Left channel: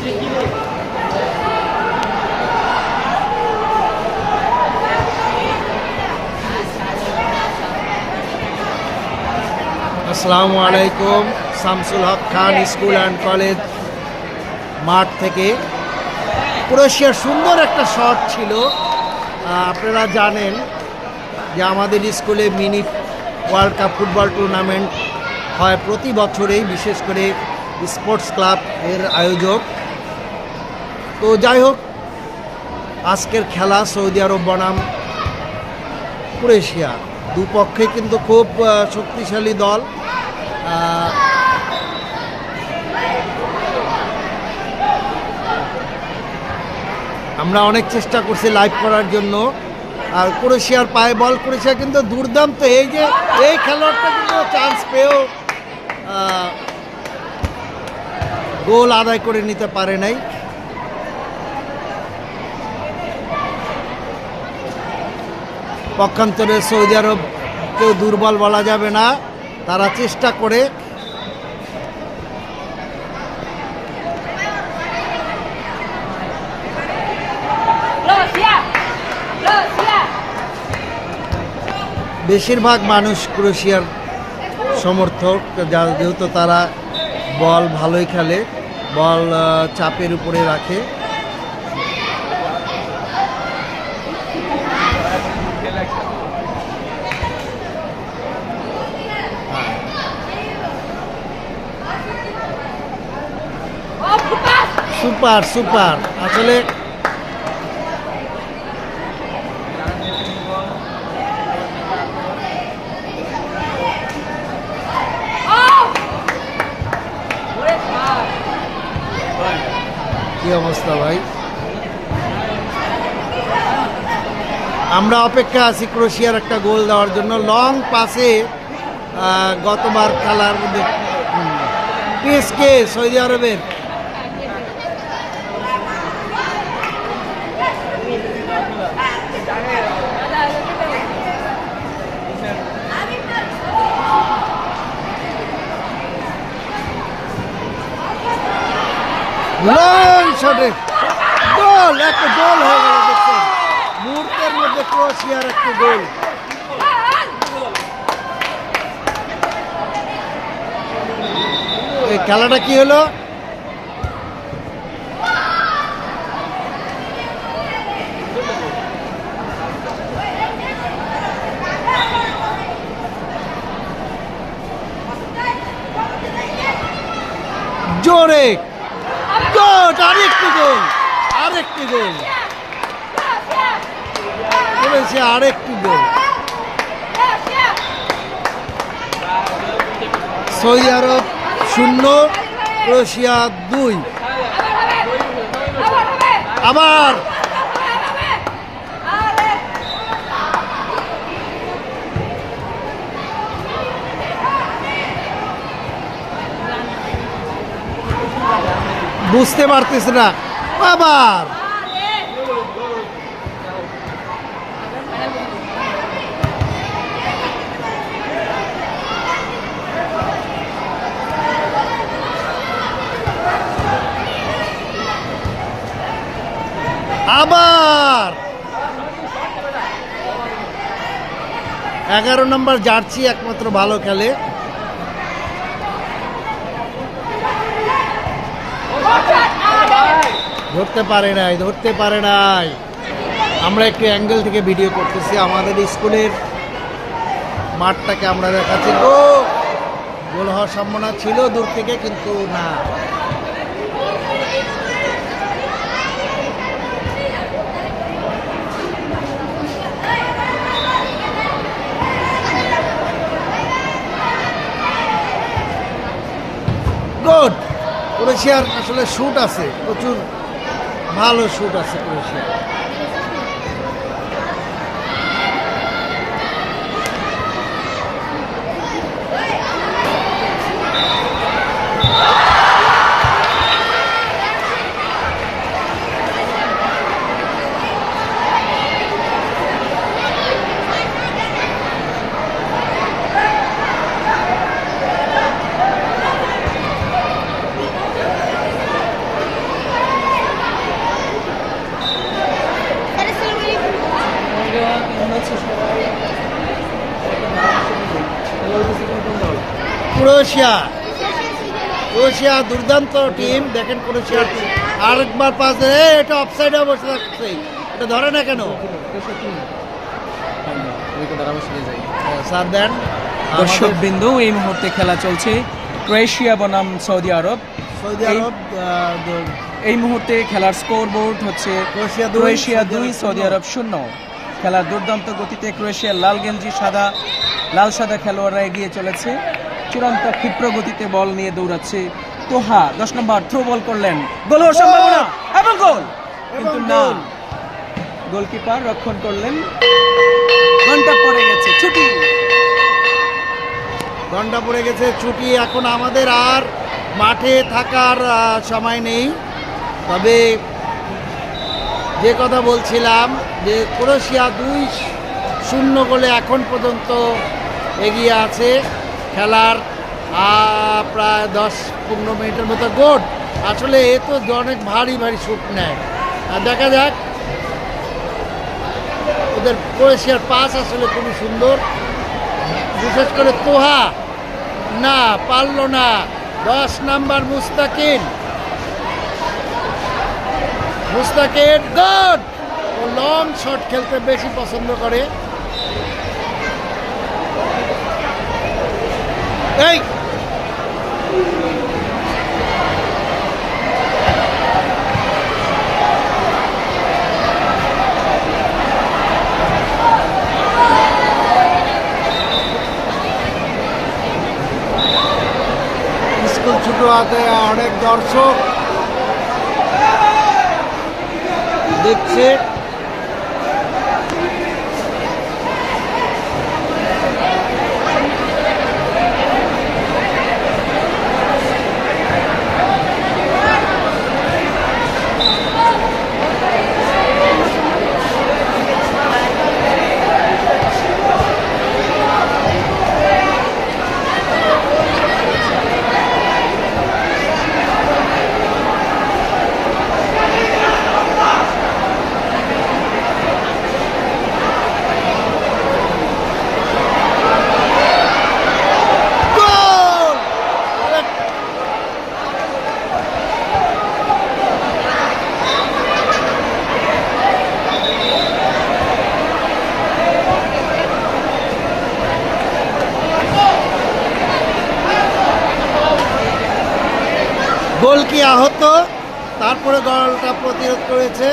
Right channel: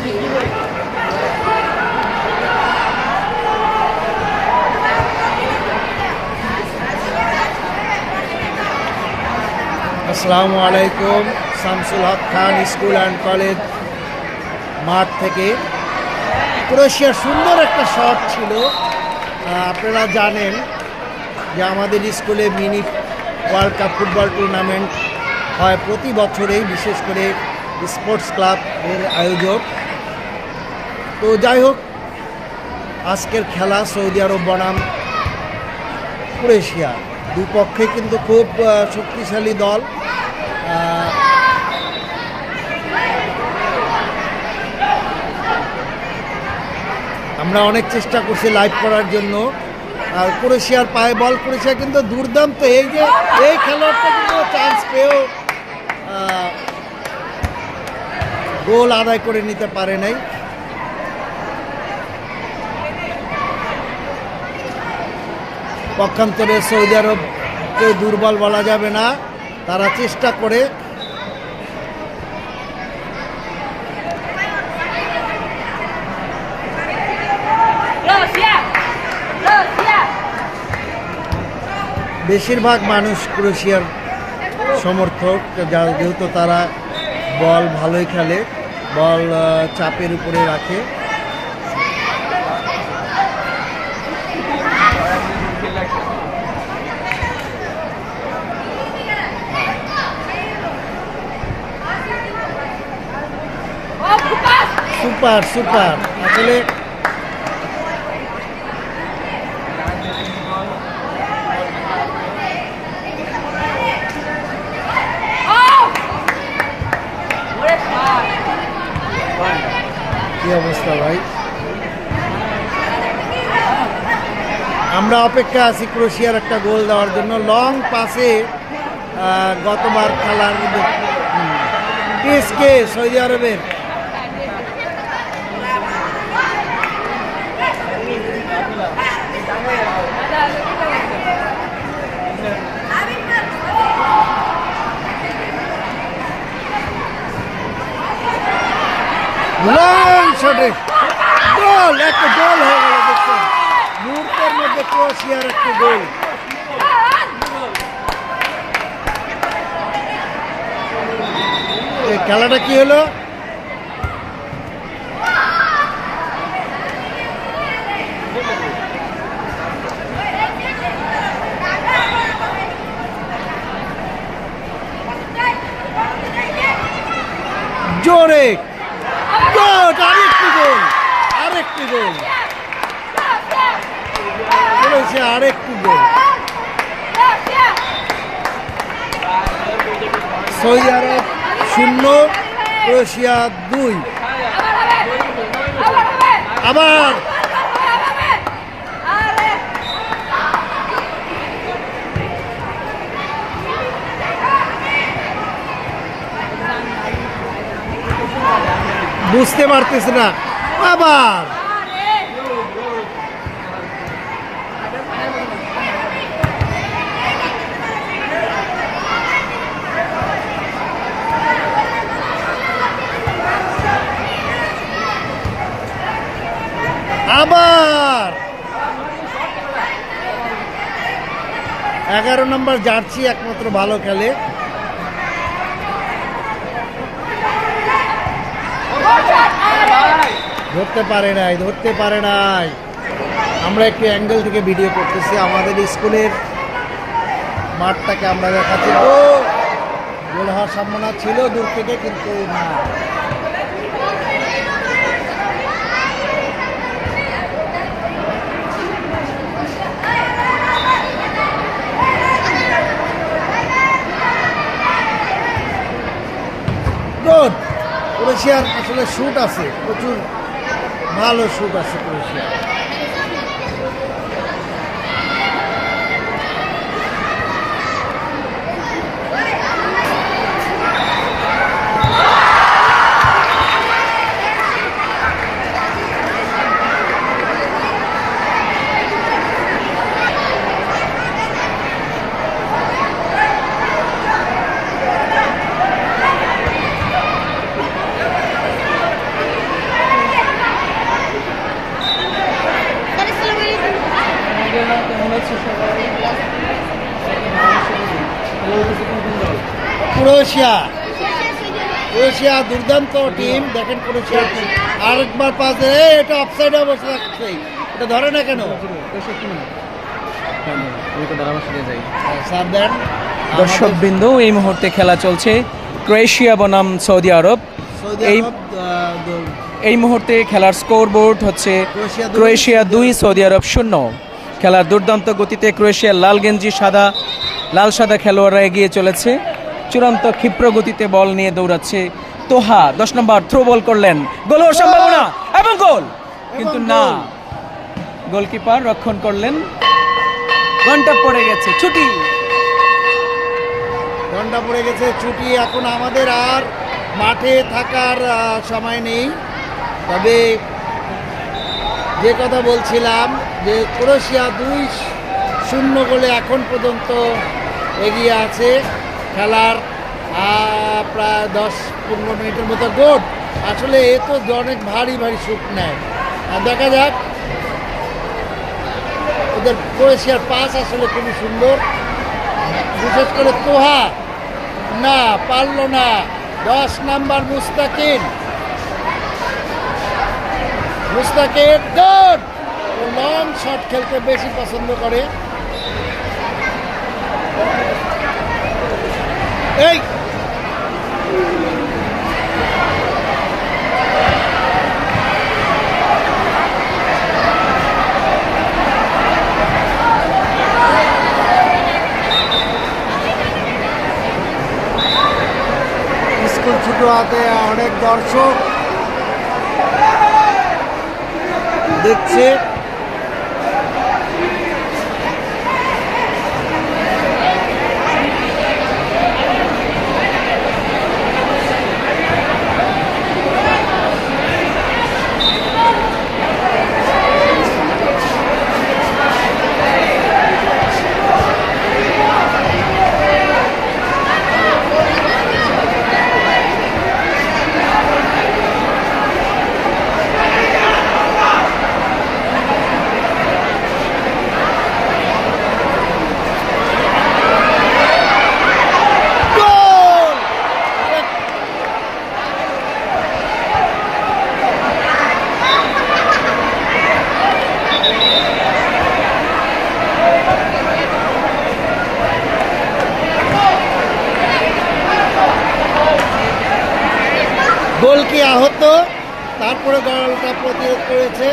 আসসালামু আলাইকুম, Shamsul Haque Khan school and college মাঠ থেকে। ক্রোয়েশিয়ার সুন্দর একটা শট ছিল। আপনারা জানেন যে আমাদের স্কুলে mini world cup football tournament হয় প্রতি বছরেই, বিশেষ করে স্পোর্টস ক্লাব এর আয়োজক। তো যাই হোক, আজকের খেলা সৌদি আরব বনাম ক্রোয়েশিয়া। দুপক্ষে কিন্তু খুব শক্তিশালী দল। আমরা অনেক চেষ্টা করছি লাইভ করার জন্য। আর ক্রোয়েশিয়ার পায়ে বল, ক্রোয়েশিয়া কিন্তু দুর্দান্ত। এই যে, এই খেলোয়াড়টা কিন্তু চান্স পেয়েও গোল আদায় করে নিতে পারে নাই। পক্ষান্তরে সৌদি আরব কেউ দুর্বল বলা যাবে না, তারা চেষ্টা করে! বেশিরভাগ মানুষ ক্রোয়েশিয়ার সমর্থক, যা- যেহেতু তারা বল ভালোই খেলে, বল চাপের উপরে রাখে সুপার সুপার। আসলে কি অবস্থা ভাই? আমরা অপেক্ষা আছি ক্রোশিয়ার একটা গোল দেওয়ার জন্য। লং পাসে গতবার খেলার মধ্যে সৌদি আরবের। লং শটে গোল, একটা গোল হয়ে গেল, দেখছেন? মুহূর্তের মধ্যে ক্রোয়েশিয়ার একটা গোল। এই খেলাটা কি হলো? জোরে গোল আরেকটি গোল আরেকটি গোল। করেছে আরেকটি গোল। সৌদি আরব শূন্য ক্রোয়েশিয়া দুই। আবার। বুঝতে পারতেছে না। আবার। আবার। এগারো নম্বর জার্সি একমাত্র ভালো খেলে। ধরতে পারে নাই, ধরতে পারে নাই। আমরা একটু অ্যাঙ্গেল থেকে ভিডিও করতেছি, আমাদের স্কুলের মাঠটাকে আমরা দেখাচ্ছি। ও, গোল হওয়ার সম্ভাবনা ছিল দূর থেকে, কিন্তু না। ক্রোয়েশিয়ার আসলে শুট আছে, প্রচুর। ভালো শুট আছে ক্রোয়েশিয়া ক্রোয়েশিয়া। ক্রোয়েশিয়া দুর্দান্ত টিম দেখেন ক্রোয়েশিয়ার আরেকবার পাস এটা অফসাইডে বসে থাকছে। এটা ধরে না কেন? হ্যাঁ, স্যার দেন। দর্শক আমাদের বৃন্দ এই মুহূর্তে খেলা চলছে ক্রোয়েশিয়া বনাম সৌদি আরব। এই- মুহূর্তে খেলার স্কোর বোর্ড হচ্ছে ক্রোয়েশিয়া দুই, সৌদি আরব শূন্য। খেলার দুর্দান্ত গতিতে ক্রোয়েশিয়ার লাল গেঞ্জি সাদা লাল সাদা খেলোয়াড়রা এগিয়ে চলেছে। চূড়ান্ত ক্ষিপ্র গতিতে বল নিয়ে দৌড়াচ্ছে তোহা। দশ নম্বর থ্রো বল করলেন। গোল হওয়ার সম্ভাবনা এবং গোল। কিন্তু না। গোলকিপার রক্ষণ করলেন। ঘণ্টা পড়ে গেছে ছুটি। ঘণ্টা পড়ে গেছে ছুটি। এখন আমাদের আর মাঠে থাকার সময় নেই। তবে যে কথা বলছিলাম যে ক্রোয়েশিয়া দুই শূন্য গোলে এখন পর্যন্ত এগিয়ে আছে। খেলার প্রায় দশ পনেরো মিনিটের মতো গোট আসলে এ তো অনেক ভারী ভারী শুট নেয়। আর দেখা যাক, ওদের ক্রোয়েশিয়ার পাস আসলে খুবই সুন্দর। বিশেষ করে তোহা, না, পারল না। দশ নাম্বার মুস্তাকিন মুস্তাকিন গুড ও লং শট খেলতে বেশি পছন্দ করে। এই স্কুল ছুটো হাতে অনেক দর্শক দেখছে গোল গোল কি আহত তারপরে গোলটা প্রতিরোধ করেছে।